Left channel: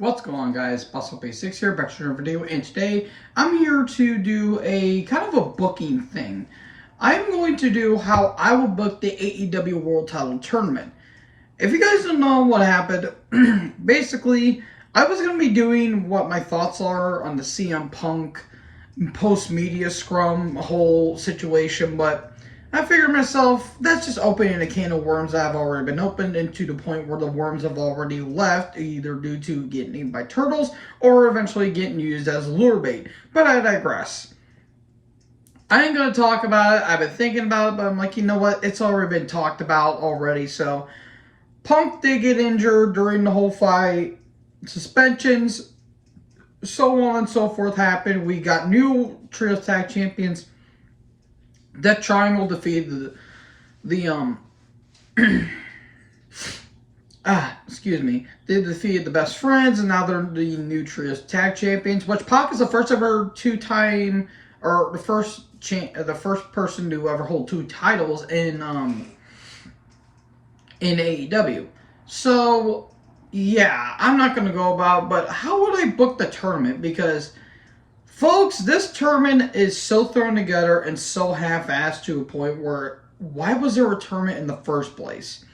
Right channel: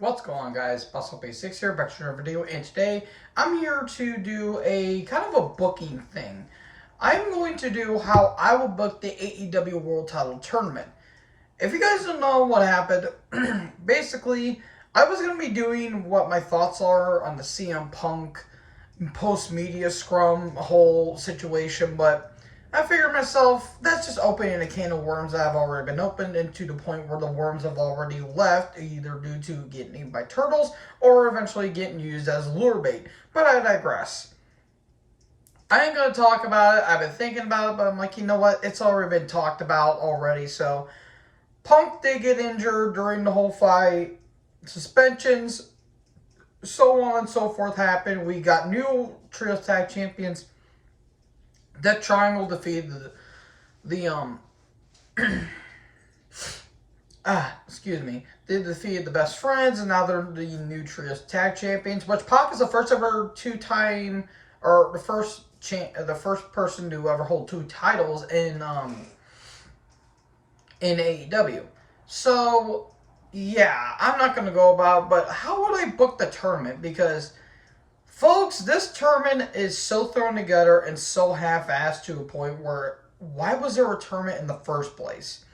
What's going on, guys? Bustle6 here, back to another video, and today I'm here to do a kind of a booking thing. I'm going to do how I will book the AEW World Title Tournament. If you guys don't know what happened, basically, I was going to be doing what my thoughts are on the CM Punk post-media scrum whole situation, but I figured myself, that's just opening a can of worms that have already been opened, and to the point where the worms have already left, either due to getting eaten by turtles or eventually getting used as lure bait. But I digress. I ain't going to talk about it. I've been thinking about it, but I'm like, you know what? It's already been talked about already. So, Punk did get injured during the whole fight. Suspensions, so on and so forth happened. We got new Trios Tag Champions. That Triangle defeated the excuse me. They defeated the Best Friends, and now they're the new Trios Tag Champions. Which Pac is the first ever two-time, or the first person to ever hold two titles in AEW. So yeah, I'm not gonna go about. But how would I book the tournament? Because folks, this tournament is so thrown together and so half-assed to a point where, why was there a tournament in the first place?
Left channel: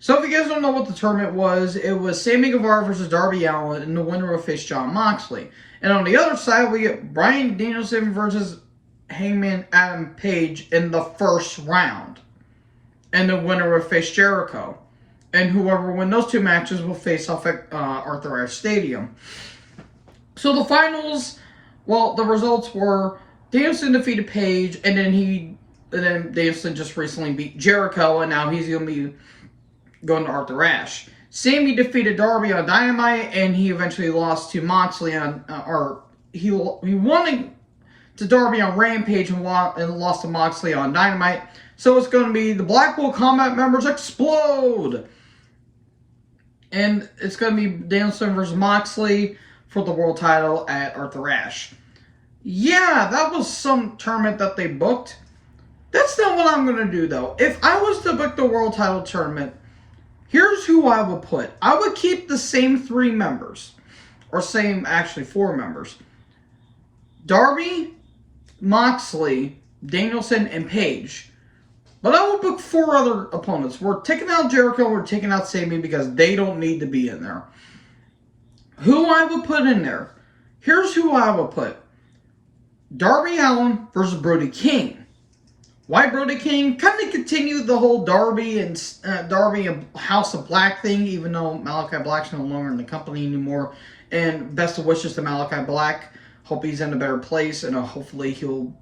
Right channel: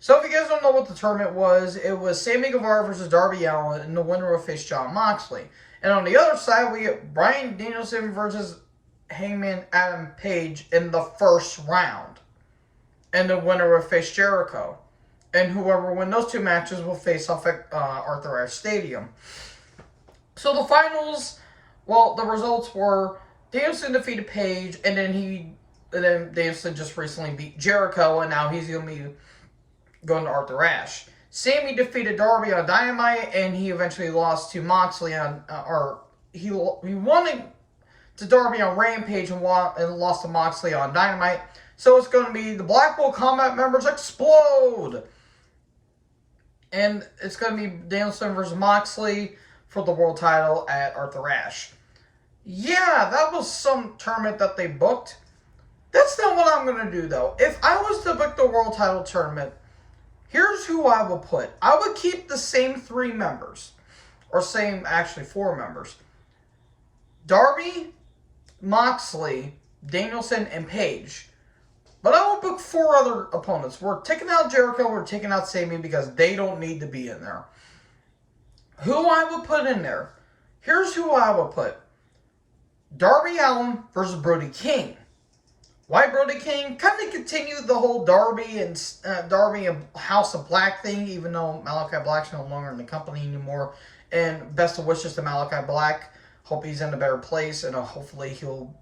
So if you guys don't know what the tournament was, it was Sammy Guevara versus Darby Allin, and the winner will face Jon Moxley. And on the other side, we get Bryan Danielson versus Hangman Adam Page in the first round. And the winner will face Jericho. And whoever wins those two matches will face off at Arthur Ashe Stadium. So the finals, well, the results were Danielson defeated Page, and then Danielson just recently beat Jericho, and now he's going to be going to Arthur Ashe. Sammy defeated Darby on Dynamite, and he eventually lost to Moxley on, he won to Darby on Rampage and lost to Moxley on Dynamite. So it's going to be the Blackpool Combat members explode, and it's going to be Danielson versus Moxley for the world title at Arthur Ashe. Yeah, that was some tournament that they booked. That's not what I'm going to do, though. If I was to book the world title tournament, here's who I would put. I would keep the same three members. Or actually 4 members. Darby, Moxley, Danielson, and Page. But I would book 4 other opponents. We're taking out Jericho, we're taking out Sammy because they don't need to be in there. Who I would put in there. Here's who I would put. Darby Allin versus Brody King. Why Brody King? Kind of continue the whole Darby and House of Black thing, even though Malachi Black's no longer in the company anymore. And best of wishes to Malachi Black. Hope he's in a better place, and hopefully he'll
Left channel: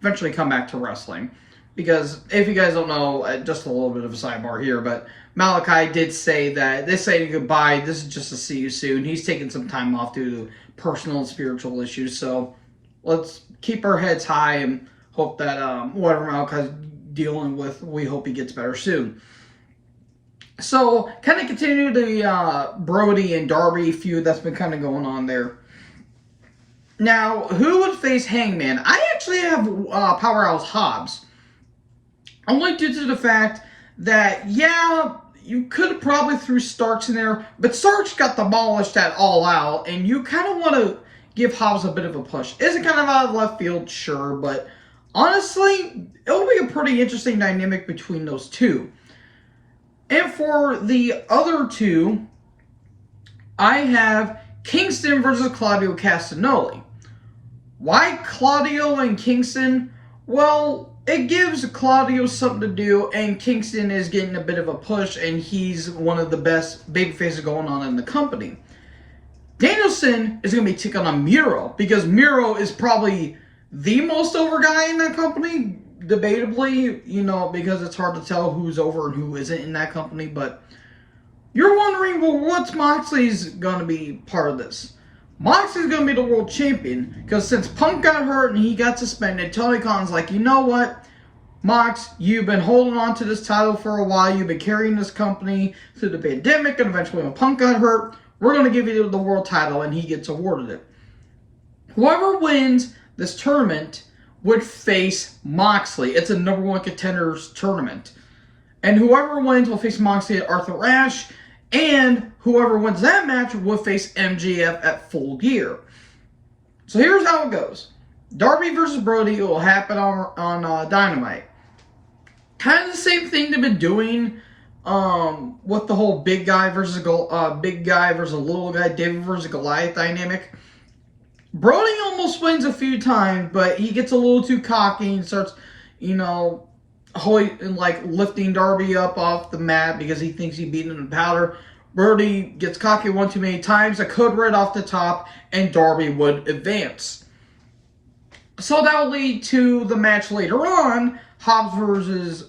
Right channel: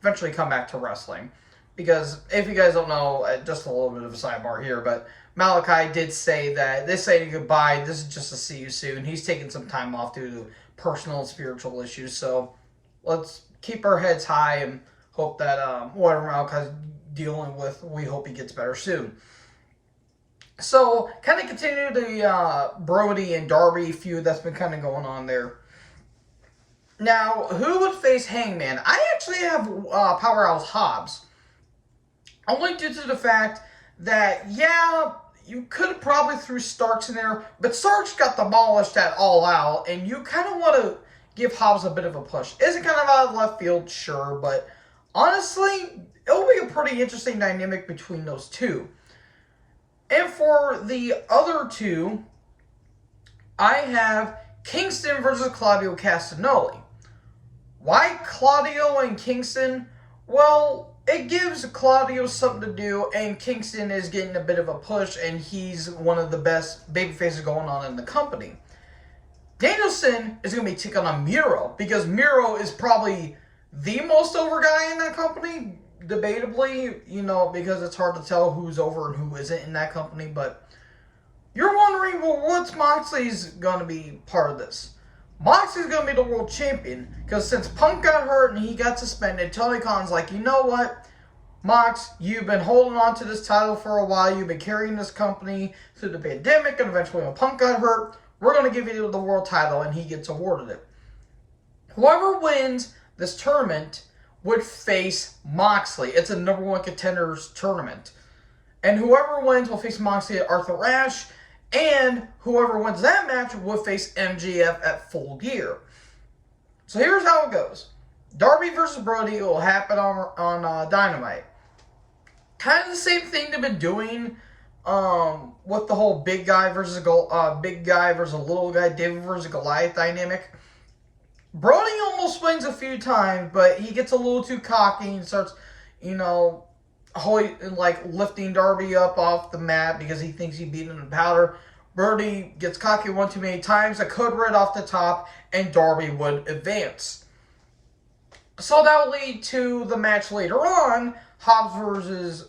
eventually come back to wrestling. Because if you guys don't know, just a little bit of a sidebar here, but Malachi did say that this ain't goodbye. This is just a see you soon. He's taking some time off due to personal and spiritual issues. So let's keep our heads high and hope that whatever Malachi's dealing with, we hope he gets better soon. So kind of continue the Brody and Darby feud that's been kind of going on there. Now, who would face Hangman? I actually have Powerhouse Hobbs. Only due to the fact that, yeah, you could have probably threw Starks in there, but Starks got demolished at All Out, and you kind of want to give Hobbs a bit of a push. Is it kind of out of left field? Sure, but honestly, it'll be a pretty interesting dynamic between those two. And for the other two, I have Kingston versus Claudio Castagnoli. Why Claudio and Kingston? Well, it gives Claudio something to do, and Kingston is getting a bit of a push, and he's one of the best babyfaces going on in the company. Danielson is going to be taking on Miro, because Miro is probably the most over guy in that company, debatably, you know, because it's hard to tell who's over and who isn't in that company, but you're wondering, well, what's Moxley's going to be part of this? Moxley's going to be the world champion, because since Punk got hurt and he got suspended, Tony Khan's like, you know what, Mox, you've been holding on to this title for a while, you've been carrying this company through the pandemic, and eventually when Punk got hurt, we're going to give you the world title, and he gets awarded it. Whoever wins this tournament would face Moxley. It's a number 1 contenders tournament. And whoever wins will face Moxley at Arthur Ashe. And whoever wins that match will face MJF at Full Gear. So here's how it goes. Darby versus Brody will happen on Dynamite. Kind of the same thing they've been doing with the whole big guy versus a little guy, David versus Goliath dynamic. Brody almost wins a few times, but he gets a little too cocky and starts, lifting Darby up off the mat because he thinks he beat him in powder. Brody gets cocky one too many times, a code red off the top, and Darby would advance. So that will lead to the match later on, Hobbs versus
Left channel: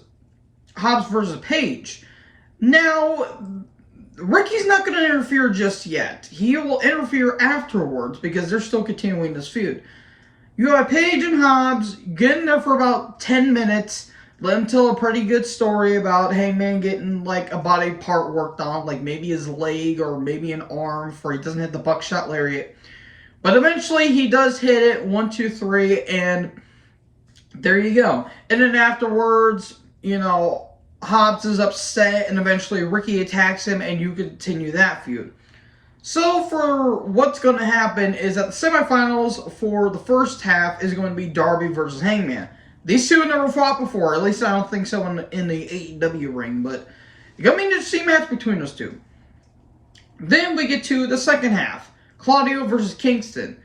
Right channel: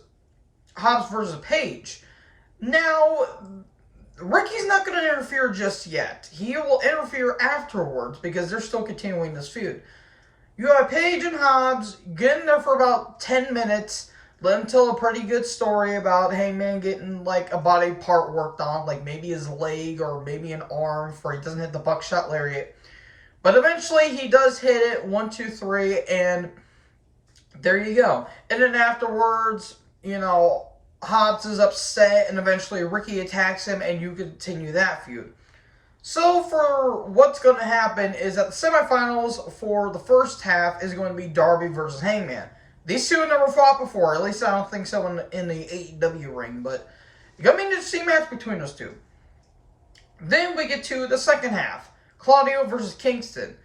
Page. Now, Ricky's not going to interfere just yet. He will interfere afterwards because they're still continuing this feud. You have Page and Hobbs getting there for about 10 minutes. Let him tell a pretty good story about Hangman getting like a body part worked on, like maybe his leg or maybe an arm for he doesn't hit the buckshot lariat. But eventually he does hit it, 1, 2, 3, and there you go. And then afterwards, Hobbs is upset, and eventually Ricky attacks him, and you continue that feud. So for what's going to happen is that the semifinals for the first half is going to be Darby versus Hangman. These two have never fought before. At least I don't think so in the AEW ring, but it's going to be an interesting match between those two. Then we get to the second half. Claudio versus Kingston.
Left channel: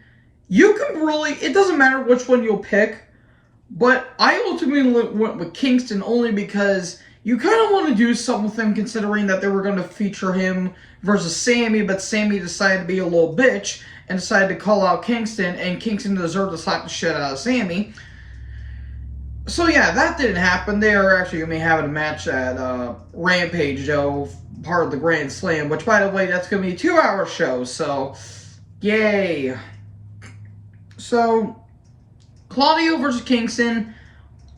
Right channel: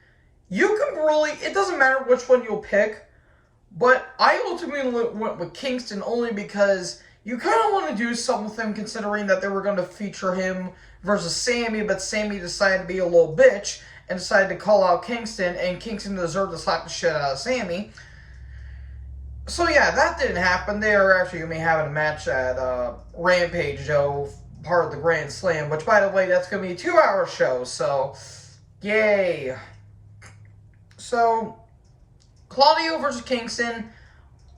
It doesn't matter which one you'll pick, but I ultimately went with Kingston only because you kind of want to do something with him considering that they were going to feature him versus Sammy, but Sammy decided to be a little bitch and decided to call out Kingston, and Kingston deserved to slap the shit out of Sammy. So yeah, that didn't happen. They are actually going to be having a match at Rampage, part of the Grand Slam, which by the way, that's going to be a 2-hour show, so yay. So, Claudio versus Kingston.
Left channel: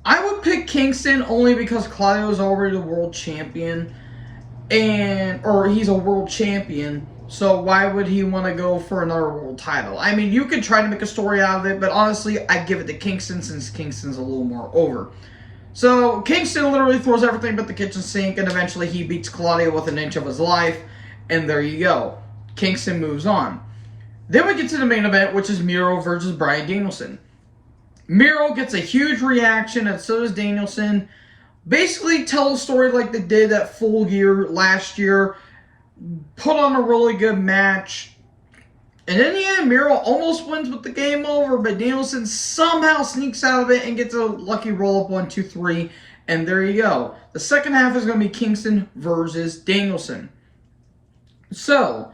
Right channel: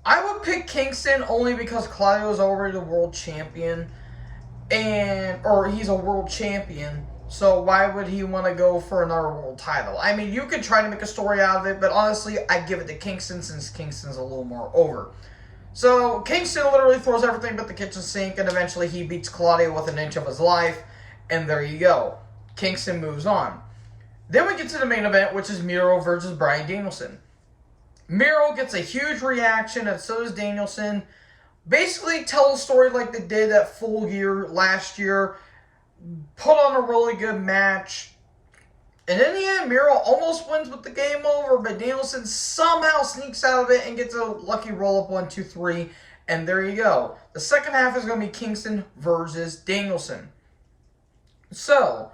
I would pick Kingston only because Claudio is already the world champion, or he's a world champion, so why would he want to go for another world title? I mean, you could try to make a story out of it, but honestly, I give it to Kingston since Kingston's a little more over. So, Kingston literally throws everything but the kitchen sink, and eventually he beats Claudio with an inch of his life, and there you go. Kingston moves on. Then we get to the main event, which is Miro versus Bryan Danielson. Miro gets a huge reaction, and so does Danielson. Basically tell a story like they did at Full Gear last year. Put on a really good match. And in the end, Miro almost wins with the game over, but Danielson somehow sneaks out of it and gets a lucky roll-up 1, 2, 3. And there you go. The second half is going to be Kingston versus Danielson. So,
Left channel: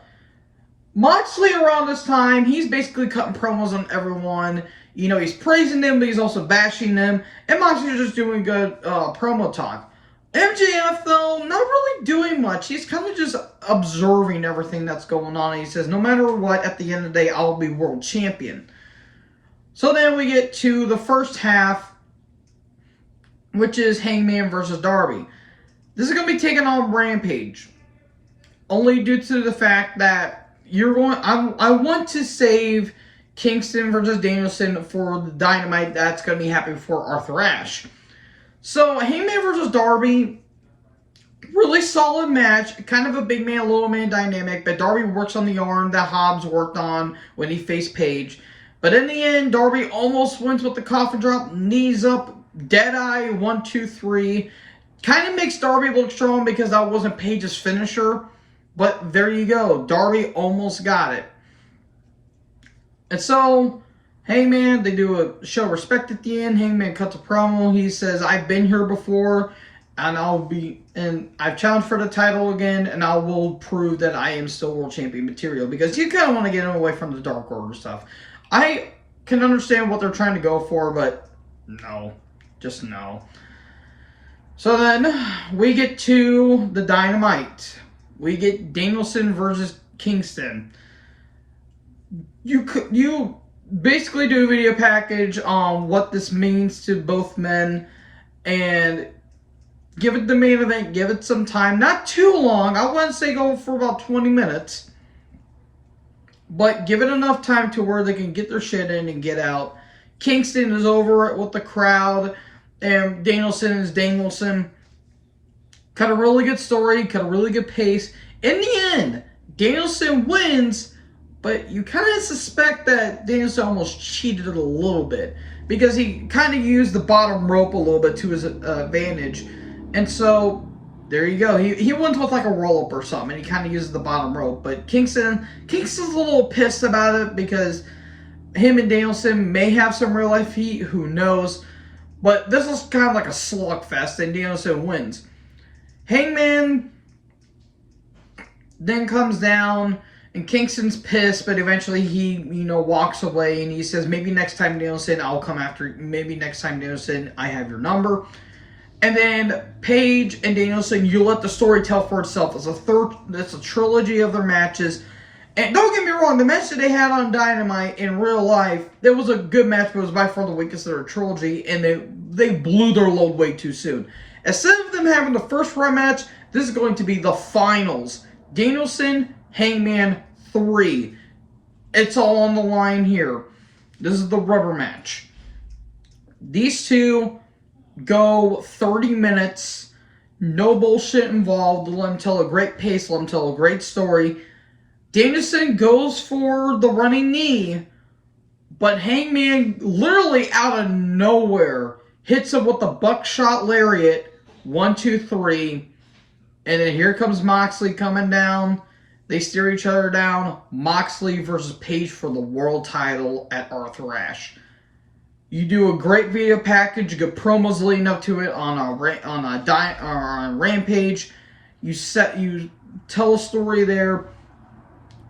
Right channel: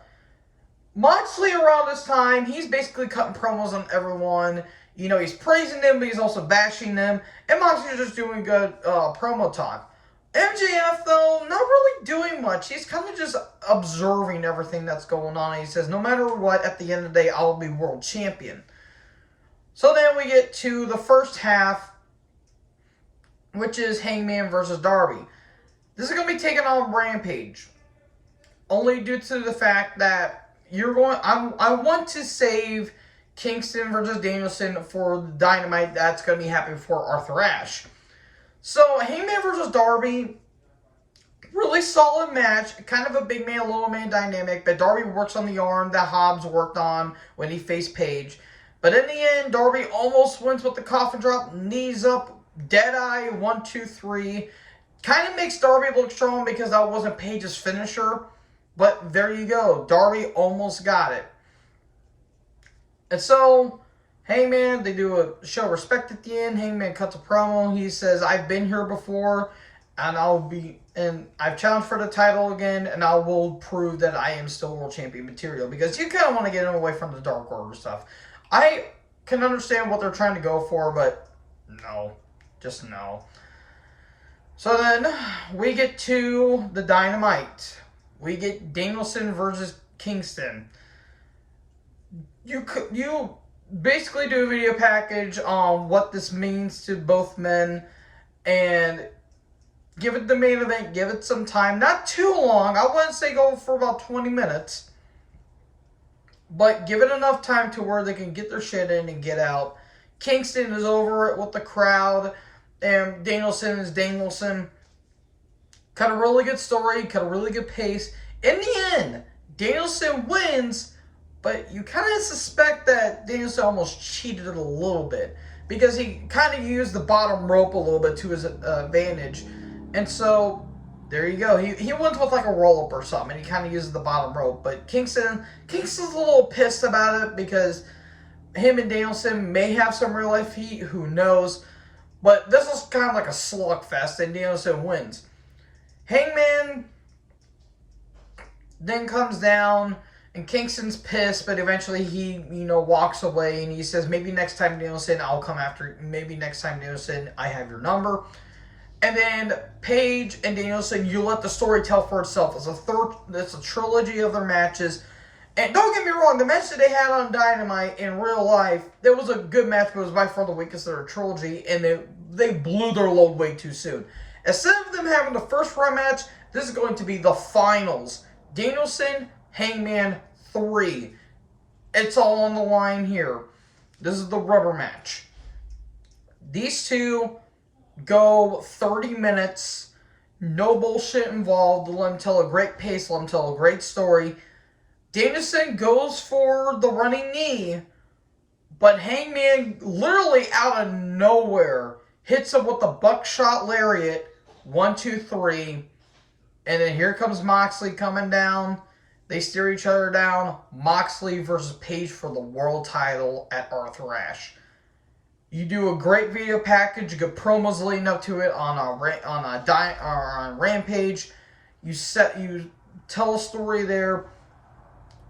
Moxley around this time, he's basically cutting promos on everyone. He's praising them, but he's also bashing them. And Moxley's just doing good promo talk. MJF, though, not really doing much. He's kind of just observing everything that's going on. He says, no matter what, at the end of the day, I'll be world champion. So then we get to the first half, which is Hangman versus Darby. This is going to be taken on Rampage. Only due to the fact that I want to save Kingston versus Danielson for the Dynamite that's going to be happening for Arthur Ashe. So, Hangman versus Darby, really solid match. Kind of a big man, little man dynamic, but Darby works on the arm that Hobbs worked on when he faced Page. But in the end, Darby almost wins with the coffin drop, knees up, dead eye, 1, 2, 3. Kind of makes Darby look strong because that wasn't Page's finisher. But there you go. Darby almost got it. And so, Hangman, they do a show respect at the end. Hangman cuts a promo. He says, I've been here before, and I've challenged for the title again, and I will prove that I am still world champion material. Because you kind of want to get him away from the Dark Order stuff. I can understand what they're trying to go for, but no. Just no. So then, we get to the Dynamite. We get Danielson versus Kingston. You basically do a video package on what this means to both men and give it the main event, give it some time. Not too long. I wouldn't say go for about 20 minutes. But give it enough time to where they can get their shit in and get out. Kingston is over it with the crowd. And Danielson is Danielson. Cut a really good story, cut a really good pace. In the end, Danielson wins, but you kind of suspect that Danielson almost cheated a little bit because he kind of used the bottom rope a little bit to his advantage. And so, there you go. He wins with like a roll-up or something, and he kind of uses the bottom rope. But Kingston's a little pissed about it because him and Danielson may have some real-life heat. Who knows? But this is kind of like a slugfest, and Danielson wins. Hangman then comes down, and Kingston's pissed, but eventually he, walks away, and he says, maybe next time, Danielson, I'll come after you. Maybe next time, Danielson, I have your number. And then Paige and Danielson, you let the story tell for itself. It's a trilogy of their matches. And don't get me wrong, the match that they had on Dynamite in real life, it was a good match, but it was by far the weakest of their trilogy, and they blew their load way too soon. Instead of them having the first round match, this is going to be the finals. Danielson, Hangman 3. It's all on the line here. This is the rubber match. These two go 30 minutes. No bullshit involved. Let them tell a great pace. Let them tell a great story. Danielson goes for the running knee, but Hangman literally out of nowhere hits him with the buckshot lariat. 1, 2, 3. And then here comes Moxley coming down. They steer each other down. Moxley versus Paige for the world title at Arthur Ashe. You do a great video package. You get promos leading up to it on Rampage. You tell a story there.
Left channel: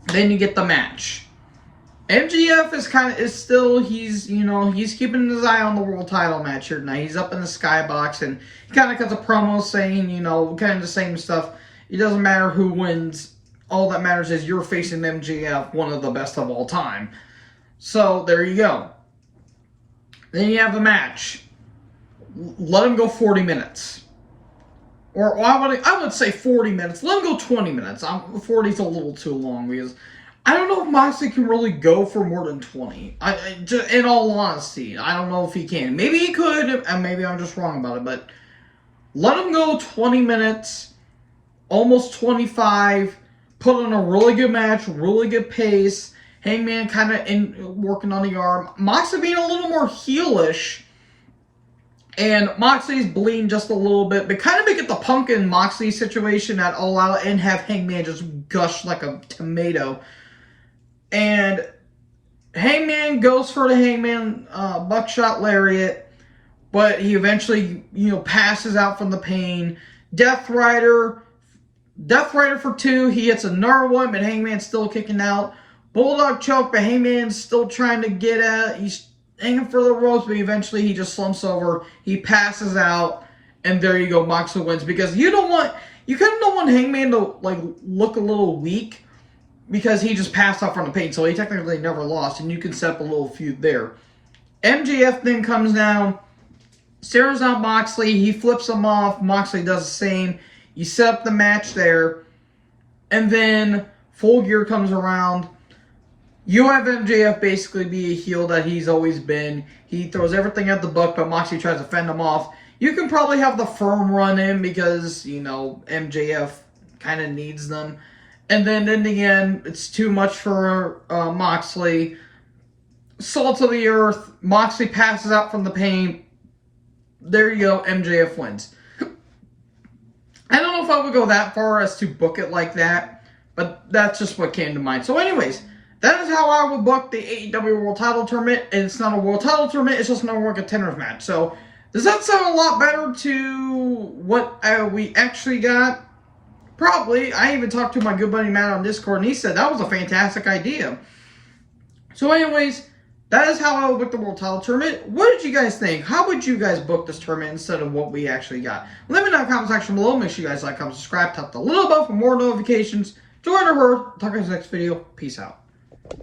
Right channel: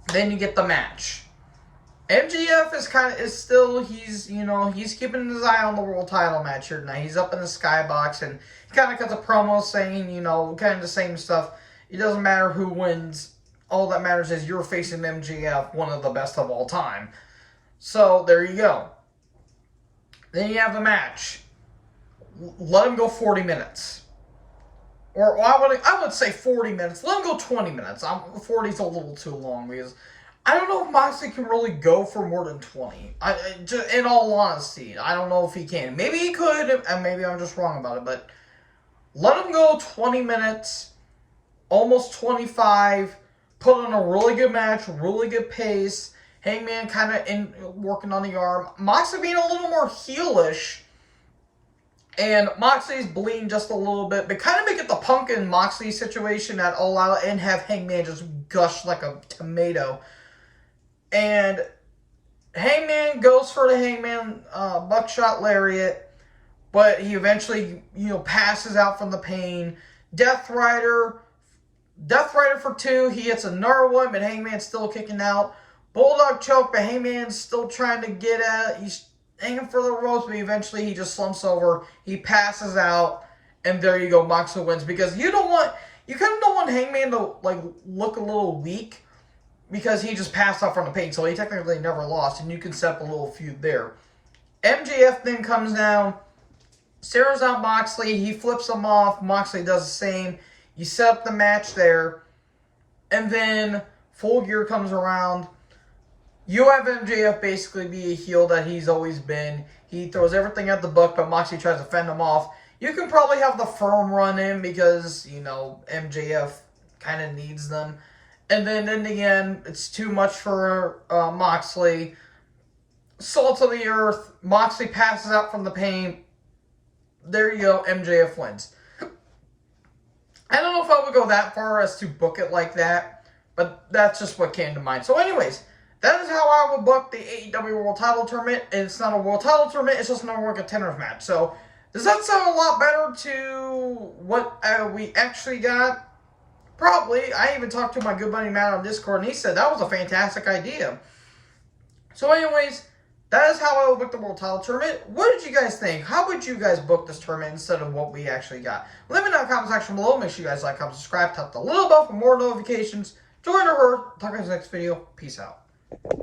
Then you get the match. MJF he's keeping his eye on the world title match here tonight. He's up in the skybox and he kind of cuts a promo saying, kind of the same stuff. It doesn't matter who wins. All that matters is you're facing MJF, one of the best of all time. So there you go. Then you have the match. Let him go 40 minutes. Or I would say 40 minutes. Let him go 20 minutes. 40 is a little too long because I don't know if Moxley can really go for more than 20. In all honesty, I don't know if he can. Maybe he could, and maybe I'm just wrong about it. But let him go 20 minutes, almost 25. Put on a really good match, really good pace. Hangman kind of working on the arm. Moxley being a little more heelish. And Moxley's bleeding just a little bit. But kind of make it the Punk and Moxley situation at All Out and have Hangman just gush like a tomato. And Hangman goes for the Hangman buckshot lariat. But he eventually, passes out from the pain. Death Rider for 2. He hits another one, but Hangman's still kicking out. Bulldog choke, but Hangman's still trying to get at. He's hanging for the ropes, but eventually he just slumps over. He passes out, and there you go. Moxley wins because you kind of don't want Hangman to look a little weak because he just passed out from the pain, so he technically never lost, and you can set up a little feud there. MJF then comes down, stares out Moxley. He flips him off. Moxley does the same. You set up the match there, and then Full Gear comes around. You have MJF basically be a heel that he's always been. He throws everything at the book, but Moxley tries to fend him off. You can probably have the Firm run in because, MJF kind of needs them. And then in the end, it's too much for Moxley. Salt of the earth. Moxley passes out from the pain. There you go. MJF wins. I don't know if I would go that far as to book it like that, but that's just what came to mind. So anyways, that is how I would book the AEW World Title Tournament. It's not a World Title Tournament, it's just an World Contenders match. So, does that sound a lot better to what we actually got? Probably. I even talked to my good buddy Matt on Discord, and he said that was a fantastic idea. So anyways, that is how I would book the World Title Tournament. What did you guys think? How would you guys book this tournament instead of what we actually got? Let me know in the comment section below. Make sure you guys like, comment, subscribe, tap the little bell for more notifications. Join our herd. Talk to you in the next video. Peace out.